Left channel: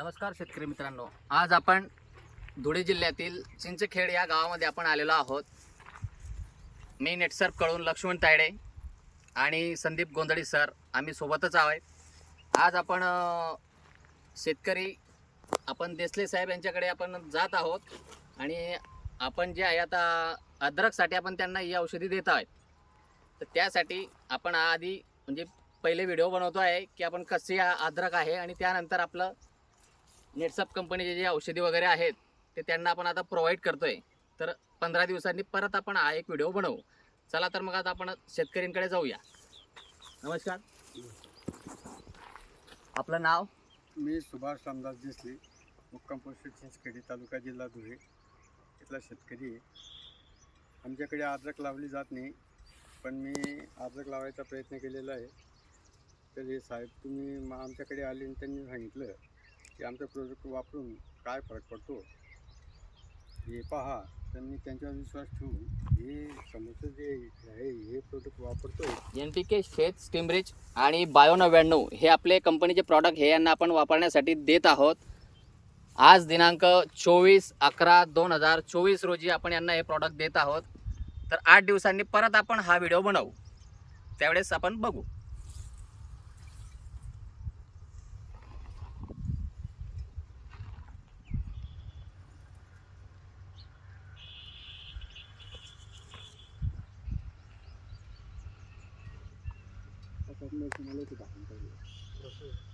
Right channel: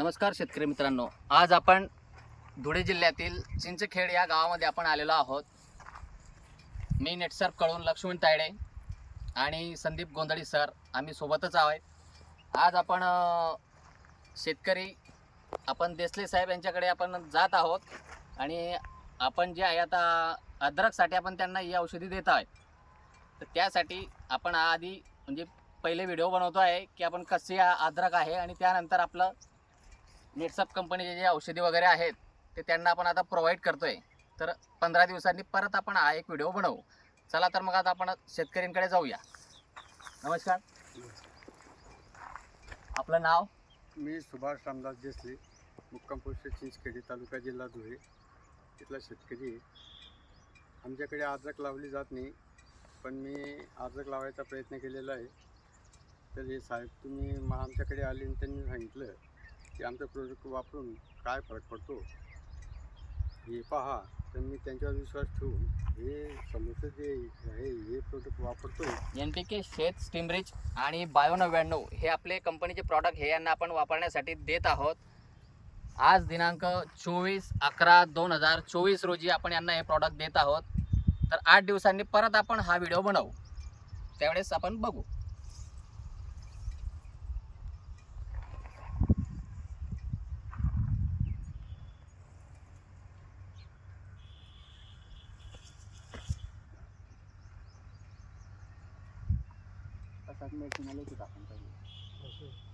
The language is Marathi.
नमस्कार शेतकरी मित्रांनो. आज आपण धुळे जिल्ह्यातील चिंचखेड या गावामध्ये आपण आलेलो आहोत. मी नेटसर्फ कळून लक्ष्मण तायडे आणि संदीप गोंधळी सर आम्ही सोबतच आहोत. आज आपण शेतकरी आपण देसले साहेब यांच्याकडे आपण जात आहोत आणि आपण जे आहे आता अद्रकसाठी आपण त्यांना ही औषधी देत आहोत. तर त्यासाठी आपण आधी म्हणजे पहिले व्हिडिओ बनवतो आहे की आपण कसे अद्रक आहे आणि त्यानंतर आपलं नेटसप कंपनीचे जे औषधी वगैरे आहेत ते त्यांना आपण आता प्रोव्हाइड करतोय. तर पंधरा दिवसांनी परत आपण हा एक व्हिडिओ बनवू. चला तर मग आता आपण शेतकऱ्यांकडे जाऊया. नमस्कार. आपलं नाव? मी सुभाष रामदास देसले मुक्काम पोस्ट चिंचखेडी तालुका जिल्हा धुळे. इथला शेतकरी आहे. आमच्याकडे आद्रक लावली जात नाही पण मी आद्रक लावायचा प्रयत्न केलेला आहे. तर हे साहेब तुम्ही मग आमच्याकडे आले आणि त्यांनी सांगितलं की आमचं प्रोडक्ट वापरून काय फरक पडतो? हे पहा तर मी त्यांच्यावर विश्वास ठेवून हे समोरचं जे आहे हे प्रोडक्ट वापरतो एन पी के शेत स्टीमरिच आणि बायो नव्याण्णव हे आपले कंपनीचे प्रॉडक्ट हे यांना आपण वापरण्यासाठी देत आहोत. आज दिनांक चोवीस अकरा दोन हजार चोवीस रोजी आपण यांना हे प्रॉडक्ट देत आहोत. तर आठ दिवसांनी परत आपण हा व्हिडिओ बनवू. त्यावेळेस आपण बघू. मेडिसिन आले होते आपण पहिले?